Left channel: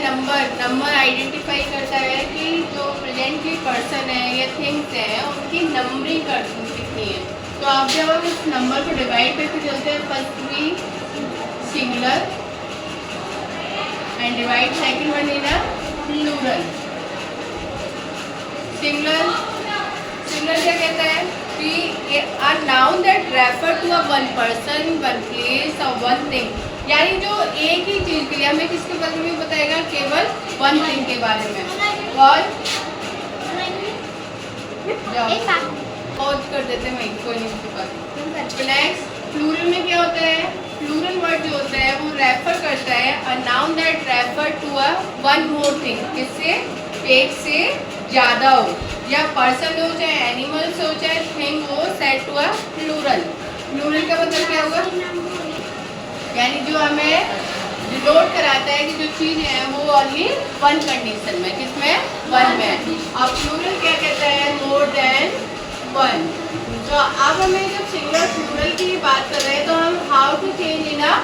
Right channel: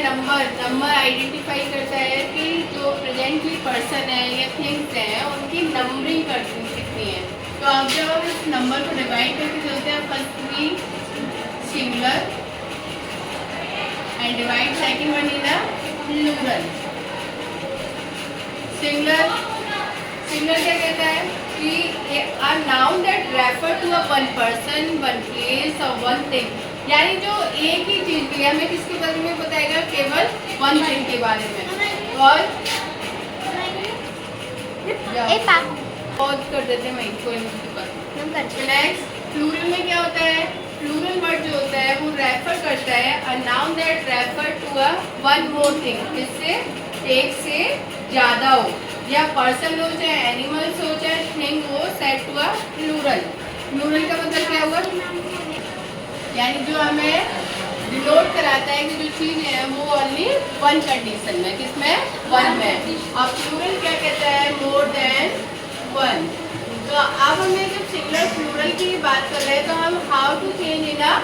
Number identify करता है कि जो प्रेजेंटली पर्सन है या थिंग्स हैं उनकी नंबरिंग कितनी है। तो आप जब अब इस नंबर को डिवाइड करके चलते हैं, फर्स्ट भी singular and divide second one in a plural. Singular क्या कहता है कि a noun that refer to a one person, one place और वन थिंग, यानी जो एक ही चीज के लिए हमें किसके बारे में बताएगा, केवल वन थिंग के बारे में। और कर देते हैं कोई नहीं। नेक्स्ट प्लूरल में क्या होता है, प्लूरल वर्ड जो होता है वो रेफर करता है a noun that refer to a one more thing, जिससे एक से ज़्यादा हो, या पर्सन हो चाहे एनिमल्स हो चाहे थिंग हो, set to a plural. Plural का मतलब क्या होगा, यानी जो हमें डिनोट कराता है कि जो चीज़ है वो ओनली वन कंडीशन में, किसमें, वन में। और प्लूरल क्या कहता है, मोर देन वन। तो अब हमें जब सिंगुलर प्लूरल की बात कर रहे हैं तो हम how to change in a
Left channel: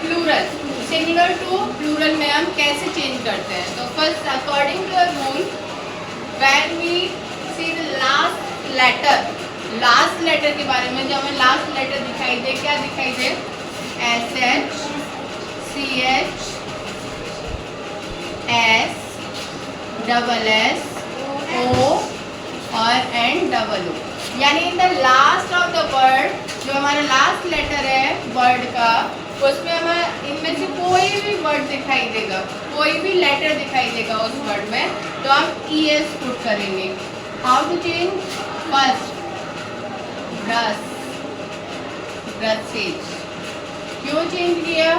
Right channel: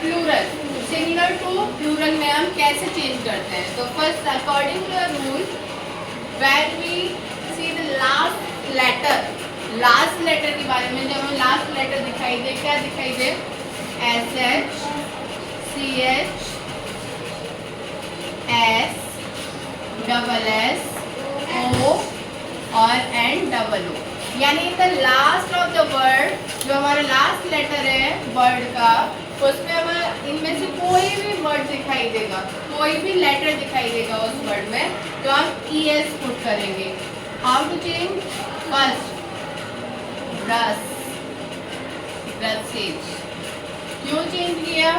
plural, singular to plural में हम कैसे चेंज करते हैं। तो first according to the rule, when we see the last letter के बारे में, जब हमें लास्ट लेटर दिखाई दे, क्या दिखाई दे, SH, CH, S, double S, O और N डबल O, यानी इन the last of the word, जो हमारा लास्ट लेटर है वर्ड का, उसमें हमें इनमें से कोई भी वर्ड दिखाई देगा, कोई भी लेटर दिखाई देगा उस वर्ड में, तो हम ES पुट करेंगे। How to change, first brush, brushes. क्यों चेंज किया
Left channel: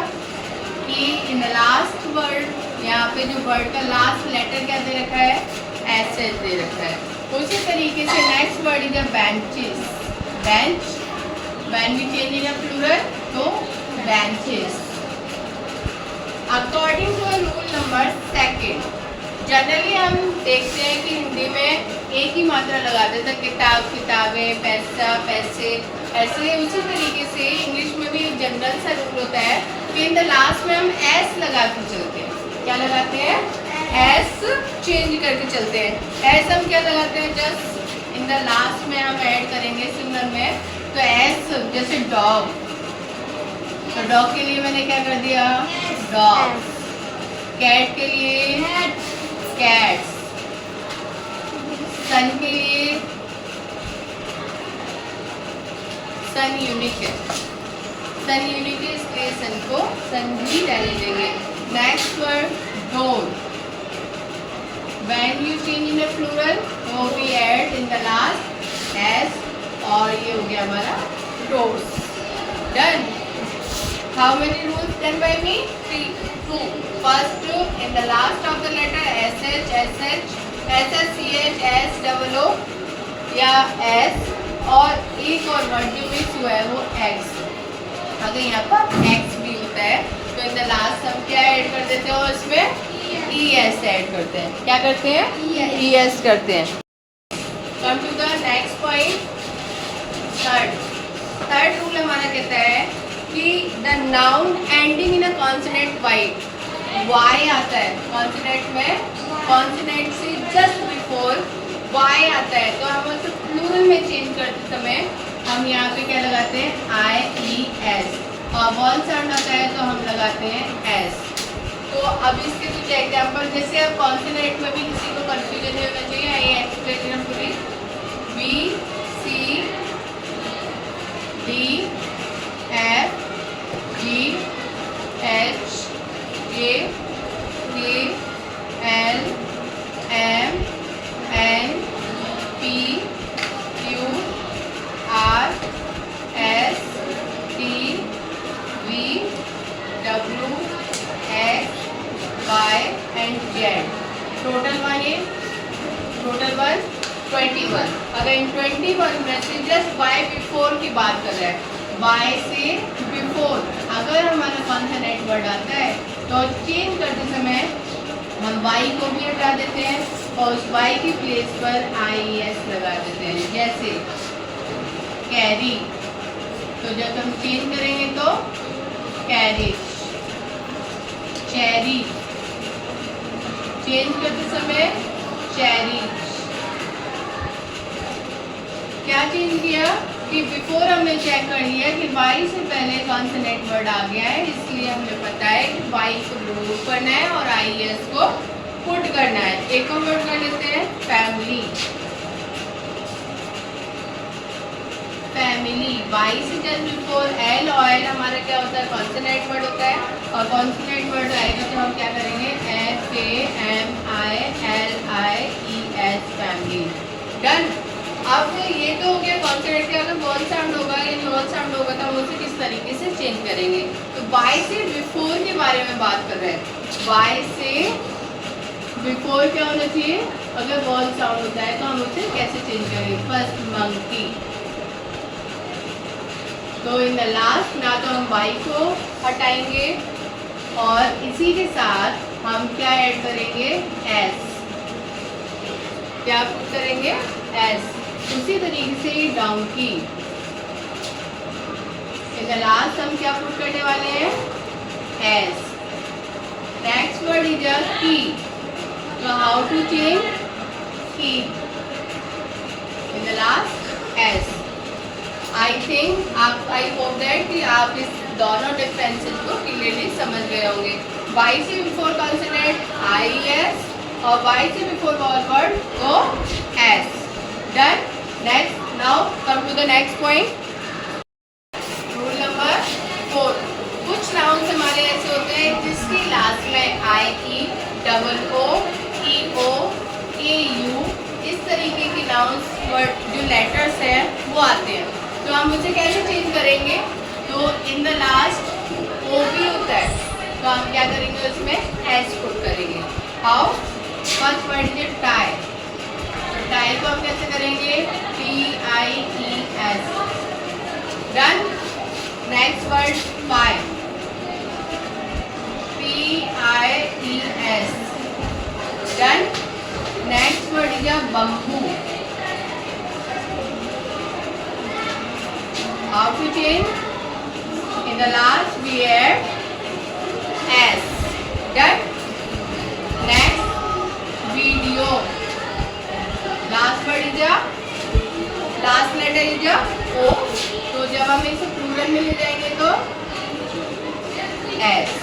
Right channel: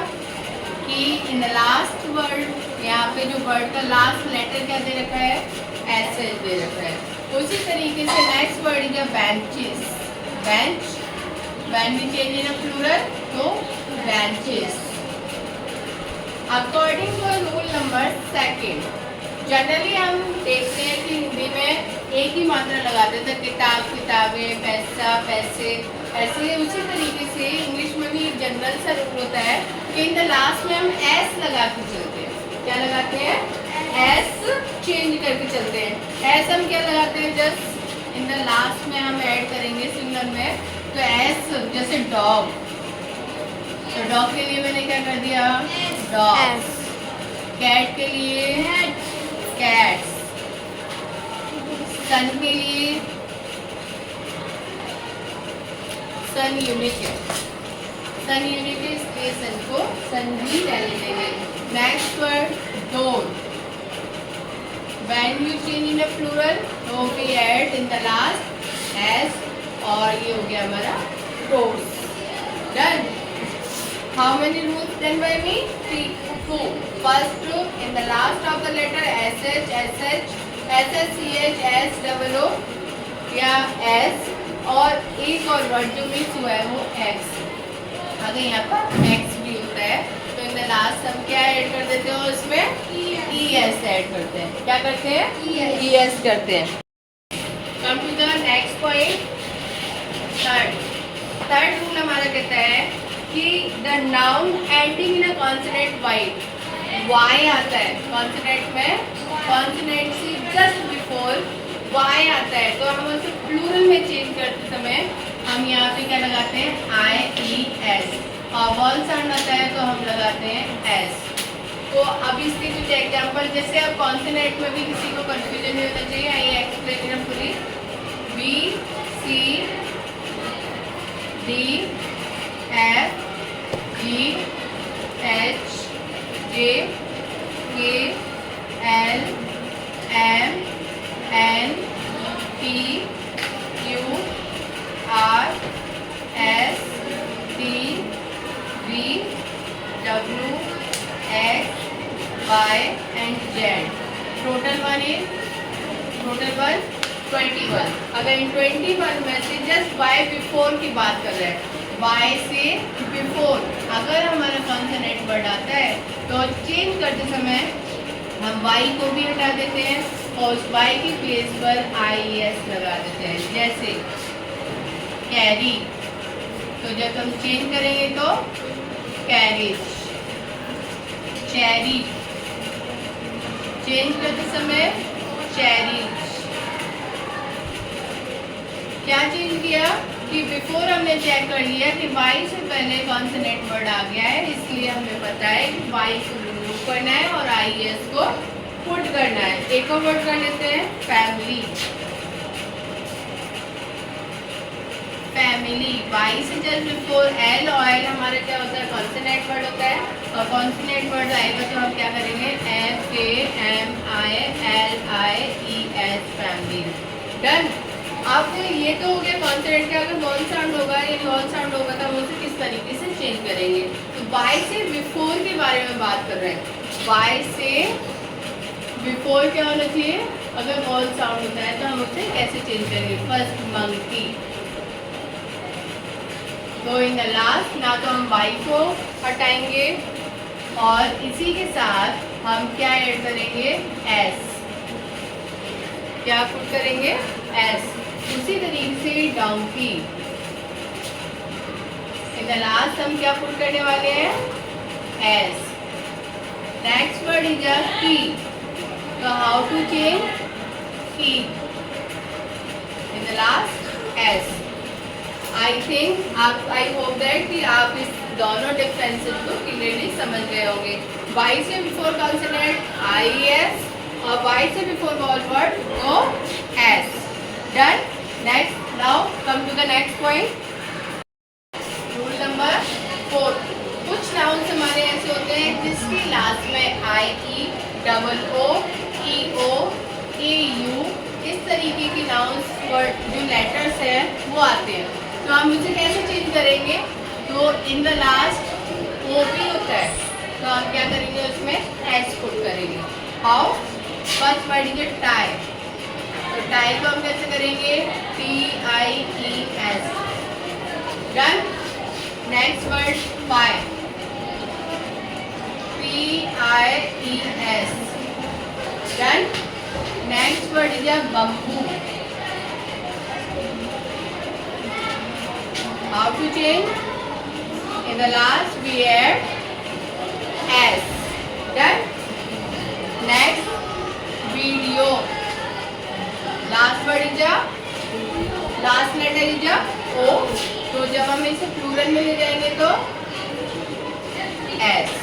कि इन द लास्ट वर्ड, यहाँ पे जो वर्ड का लास्ट लेटर क्या दे रखा है, SH दे रखा है। उसी तरीके से next word is benches, bench, when we change in a plural तो benches. According to rule number second, generally हम देखते हैं कि हिंदी में एक ही मात्रा लगाते थे, किताब, किताबें, पैसा, पैसे, ऐसे। उसी तरीके से इंग्लिश में भी एक जनरल सा रूल होता है कि इन द लास्ट में हम S लगा के चलते हैं। क्या लगाते हैं, S चेंज करके चलते हैं। S हम क्या लगाते हैं, जस्ट इन द लास्ट में हम ऐड करेंगे सिंगुलर में, तो S जैसे डॉग, तो डॉग के लिए मैंने क्या कर दिया, डॉग। कैट के लिए कैट्स, सन के लिए सन यूनिट, सन यूनिट इसलिए सन को सन भी डाले देंगे। Next word door, when you change in a plural तो we add in the last S, और ये हो गया हमारा doors. Done. How many rules done by me, 2। First, in the last of the letter SH, SH, SH, CH, S double O या S, और एक और वर्ड जो मिक्स हुआ है वो X। अगर यहाँ पर X भी होता है तो इन द लास्ट हम क्या ऐड कर देते हैं, इसमें ES ऐड करते हैं। क्या करते हैं, ES करते हैं। Come to the next point, third rule हमारा कहता है कि the noun ending in a consonant Y आता है कॉन्सोनेंट में, कॉन्सोनेंट से जस्ट बिफोर Y आता है, तो हम उसको प्लूरल में चेंज करते समय हम यहाँ पे क्या लगाते हैं, IES, और वॉल साउंड आता है तो हम लगाते हैं S। तो अब इसके कुछ एग्जाम्पल, जैसे अब कॉन्सोनेंट में भी किसी को कंफ्यूजन नहीं होना चाहिए, आइए एक्सप्लेन हम पूरी। B, C, D, F, G, H, J, K, L, M, N, P, Q, R, S, T, V, W, X, Y and Z। Total 21। अगर इन 21 में से जस्ट Y बिफोर की बात कर रहे हैं, Y से बिफोर अगर हमारा कॉन्सोनेंट वर्ड आता है तो चेंज करते समय हम Y को भी हटा देते हैं और उस Y की प्लेस पर IES लगा देते हैं। जैसे कैरी, तो जब हम चेंज करेंगे तो कैरेज। चेरी, चेंज करते समय चेरीज। क्या चेंज किया कि बिफोर हमने चेक कर लिया कि वाई से पहले कॉन्सोनेंट वर्ड आ गया है, इसलिए हमें पता है कि वाई को रिमूव करना है और आई एस को पुट करना है। एक और वर्ड कर लेते हैं फैमिली। फैमिली वाई से जस्ट बिफोर एल, और एल हमारा क्या होता है कॉन्सोनेंट वर्ड होता है, और कॉन्सोनेंट वर्ड आएगा तो हम क्या करेंगे F A M I L I E S family. Done. अब ये तो हो गया कॉन्सोनेंट के अगर वॉल साउंड होगा या वॉल साउंड होगा तो हम उसे किस तरीके से चेंज करेंगे। तो वाई से बिफोर के बारे में बात कर रहे हैं। वाई से बिफोर क्या होना चाहिए, अगर वॉल साउंड होता है तो हम उसे कैसे चेंज करेंगे। First monkey. तो इन द लास्ट ना तो हम वाई को हटाएंगे और इसी के साथ हम क्या ऐड करेंगे एस। क्या पुट करेंगे एस। उसी तरीके से डोंकी। इन द लास्ट हम क्या पुट करने वाले हैं S. Next word is a की। तो हाउ टू चेंज की। इन the last S. I think आप आई होप दैट कि आप इस दोनों डिफरेंसेस को क्लियरली समझ गए होंगे। वाई से बिफोर कॉन्सोनेंट आई एस और वाई से before vowel word O S. डन। Next now come to the next point. Rule number 4। कुछ नाउन्स हमारे ऐसे होते हैं जिसकी लास्ट में आई E double O E O A you इस तरीके की नाउन्स वर्ड जो लेटर्स है वो आते हैं। तो हम उसे कैसे चेंज करेंगे। तो इन द लास्ट ओ भी होता है तो हम क्या करेंगे उसमें एस पुट करेंगे। How. First word is tie. तो टाई को हम कैसे करेंगे टी आई ई एस। डन। Next word pi. P I E S. डन। Next word is bamboo. How to change? In the last we add S. Done. Next, video. Last word is a last letter is a O. तो जब हम इसे plural में ले जाएंगे तो S.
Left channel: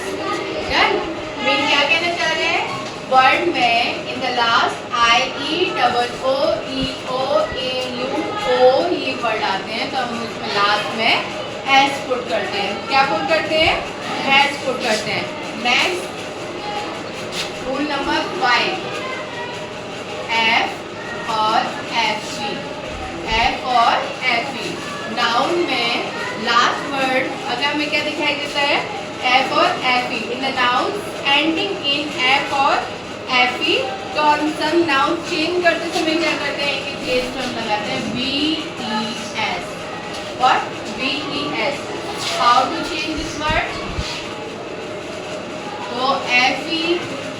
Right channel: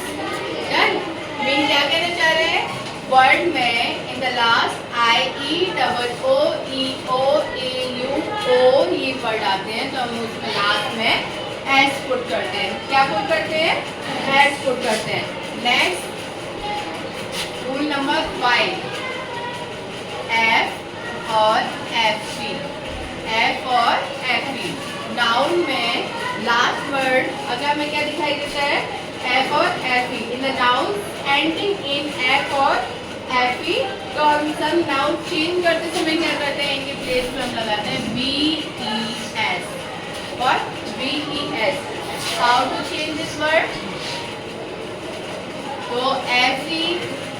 Done. Mean क्या कहना चाह रहे हैं वर्ड में in the last I E double O E O A U O ये वर्ड आते हैं तो हम उसमें लास्ट में एस पुट करते हैं। क्या पुट करते हैं एस पुट करते हैं। Next rule number 5। एफ और एफ ई। एफ और एफ ई नाउन में लास्ट वर्ड अगर हमें क्या दिखाई देता है एफ और F E. In the noun ending in F और एफ ई तो हम सब नाउन चेंज करते समय क्या करते हैं इनके प्लेस पे हम लगाते हैं बी ई एस और B E S. How to change this word. तो एफ ई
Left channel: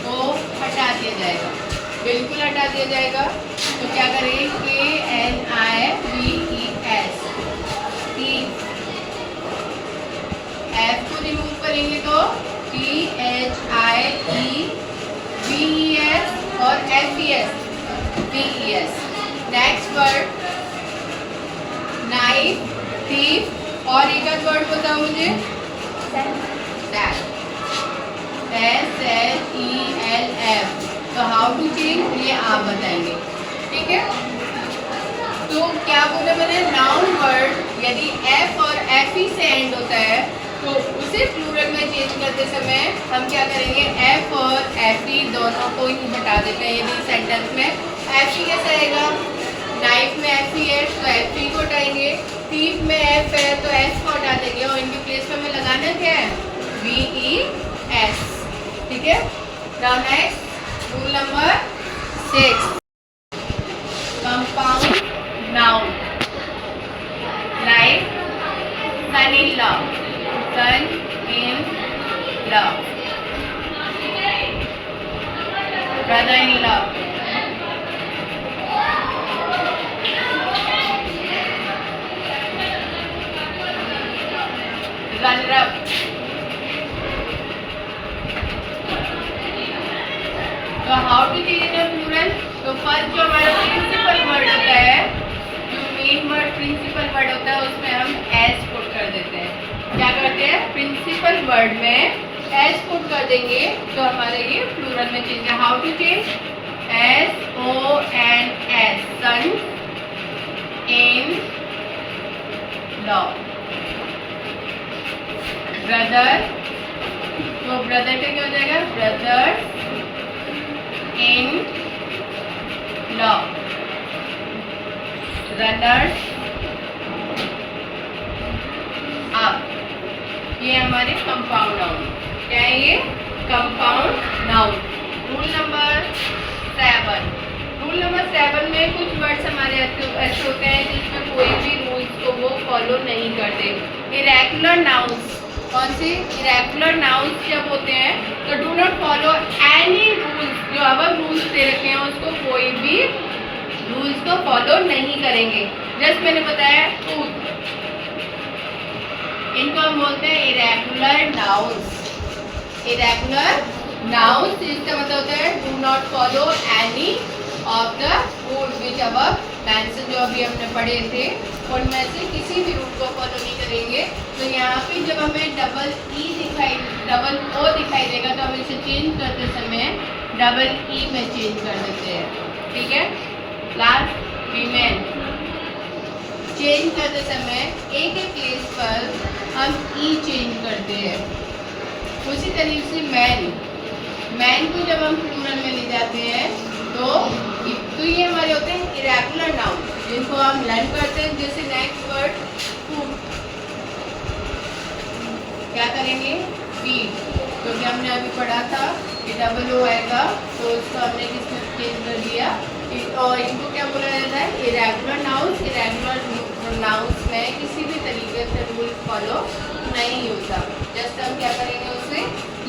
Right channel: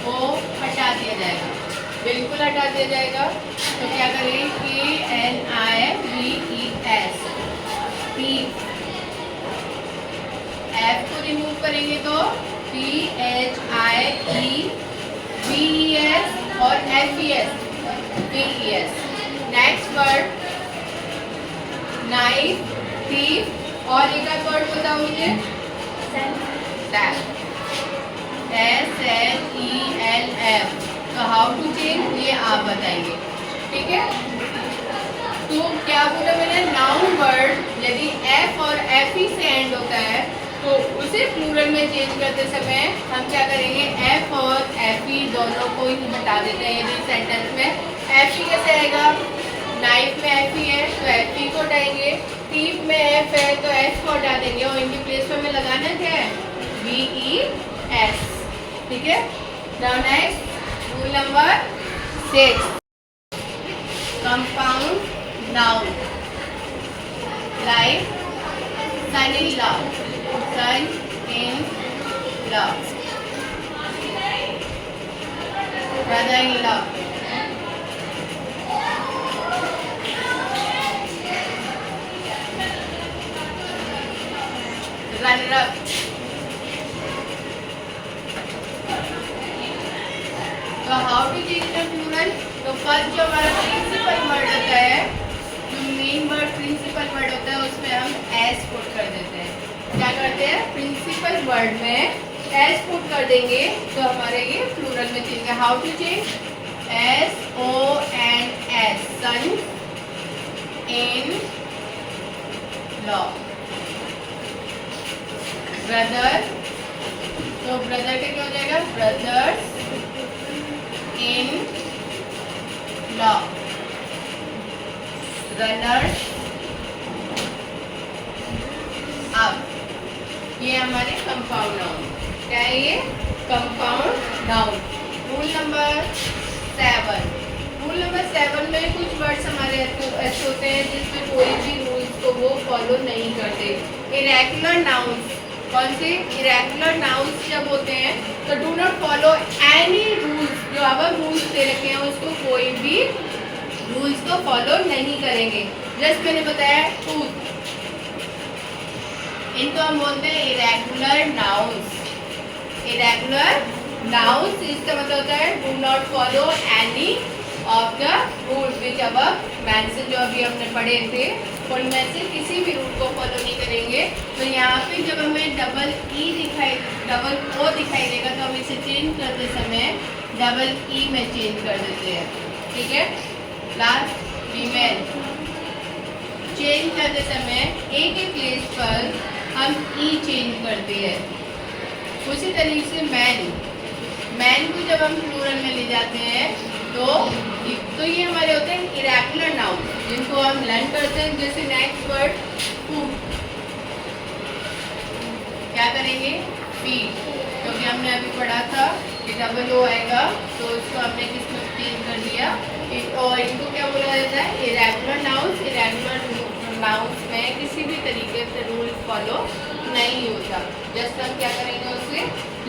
को हटा दिया जाएगा, बिल्कुल हटा दिया जाएगा। तो क्या करेंगे K N I B E S. T F को रिमूव करेंगे तो T H I E B E S और F E S B E S. Next word knife thief और एक आध वर्ड बताओ मुझे S H E L F. तो हाउ टू चेंज ये आप बताएंगे ठीक है। तो क्या बोला मैंने नाउन वर्ड यदि एफ और एफ ई से एंड होता है तो उसे प्लूरल में चेंज करते समय हम क्या करेंगे एफ और एफ ई दोनों को ही हटा देते हैं। यदि सेंटेंस में एफ ई कैसे आएगा नाइफ में एफ ई है तो एफ ई को हटाएंगे, टीप में एफ है तो एफ को हटा देंगे और इनके प्लेस पर हमें लगाना क्या है वी ई एस। ठीक है। Now next rule number 6। Compound noun like son in law. Son in law, brother in law, runner up। तो हाउ तो फर्स्ट जो हमारा प्रिंसिपल वर्ड होता है, जो मेन वर्ड प्रिंसिपल वर्ड होता है, उसमें हम एस पुट कर देते हैं। क्या करते हैं? प्रिंसिपल वर्ड में एस पुट कर देंगे तो हमारे ये प्लूरल में चेंज है। How to change? SONS, son in law. Brother, तो ब्रदर का क्या हो जाएगा? Brothers in law. Runners up, ये हमारे कंपाउंड नाउन। क्या है ये? Compound noun. Rule number 7। Rule number 7 में कुछ वर्ड्स हमारे ऐसे होते हैं जिसमें कोई भी रूल्स को वो फॉलो नहीं करते। इरेगुलर नाउन्स, कौन से? इरेगुलर नाउन्स जब होते हैं तो do not follow any rules. जो अब रूल्स दे रखे हैं उसको कोई भी रूल्स को फॉलो नहीं करेंगे। जैसे मैंने बताया टूथ, इनको हम बोलते हैं इरेगुलर नाउन्स। इरेगुलर नाउन्स इसका मतलब होता है do not follow any of the rules which above mention, जो अभी हमने पढ़े थे उनमें से किसी भी रूल को फॉलो नहीं करेंगे। तो यहाँ पे जब हमें डबल ओ दिखाई देगा तो हम इसे चेंज करते समय डबल ई में चेंज कर देते हैं। ठीक है। लास्ट वीमेन, चेंज करते समय ए के प्लेस पर हम ई चेंज करते हैं। उसी तरीके से मैन को जब हम प्लूरल में ले जाते हैं तो ये हमारे होते हैं इरेगुलर नाउन जिनको हम लर्न करते हैं। जैसे नेक्स्ट वर्ड फूड, क्या करेंगे? फीड, क्योंकि हमने अभी पढ़ा था कि डबल ओ आएगा तो उसको हमने किसमें चेंज कर दिया, और इनको क्या बोला जाता है? Irregular nouns. इरेगुलर नाउन्स में किसी भी तरीके से रूल फॉलो नहीं होता। जस्ट हम क्या करेंगे? उससे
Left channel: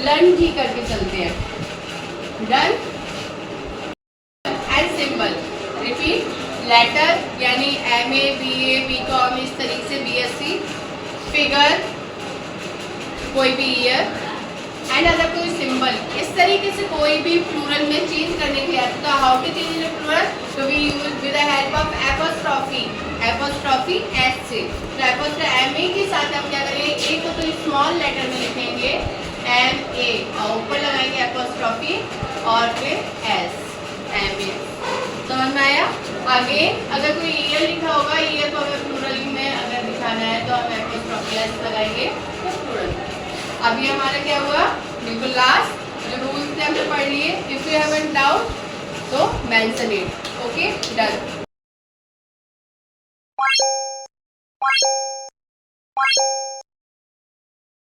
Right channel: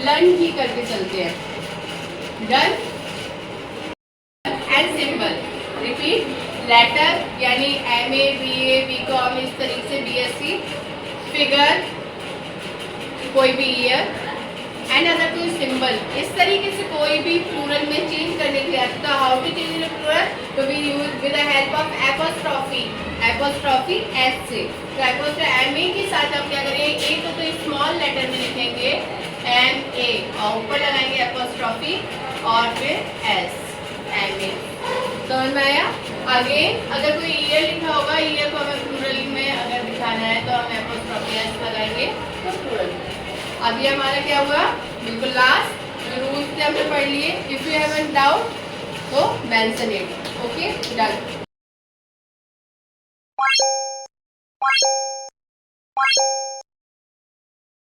लर्न ही करके चलते हैं। Done and symbol, repeat. Letter यानी MA BA BCom, इस तरीके से BSc। फिगर, कोई भी ईयर। एंड अगर कोई सिंबल इस तरीके से कोई भी प्लूरल में चेंज करने के लिए आता है तो हाउ टू चेंज प्लूरल? तो we use with the help of apostrophe S से। तो एपोस्ट्रॉफी MA के साथ हम क्या करेंगे? ए को तो स्मॉल लेटर में लिखेंगे MA और ऊपर लगाएंगे एपोस्ट्रॉफी और फिर S MA। समझ में आया? आगे अगर कोई ईयर लिखा होगा, ईयर को हमें प्लूरल में अगर दिखाना है तो हम एपोस्ट्रॉफी S लगाएंगे तो प्लूरल। अभी हमारा क्या हुआ? बिल्कुल लास्ट जो रूल्स थे हमने पढ़ लिए। If you have any doubt तो मेंशन इट। Okay, done.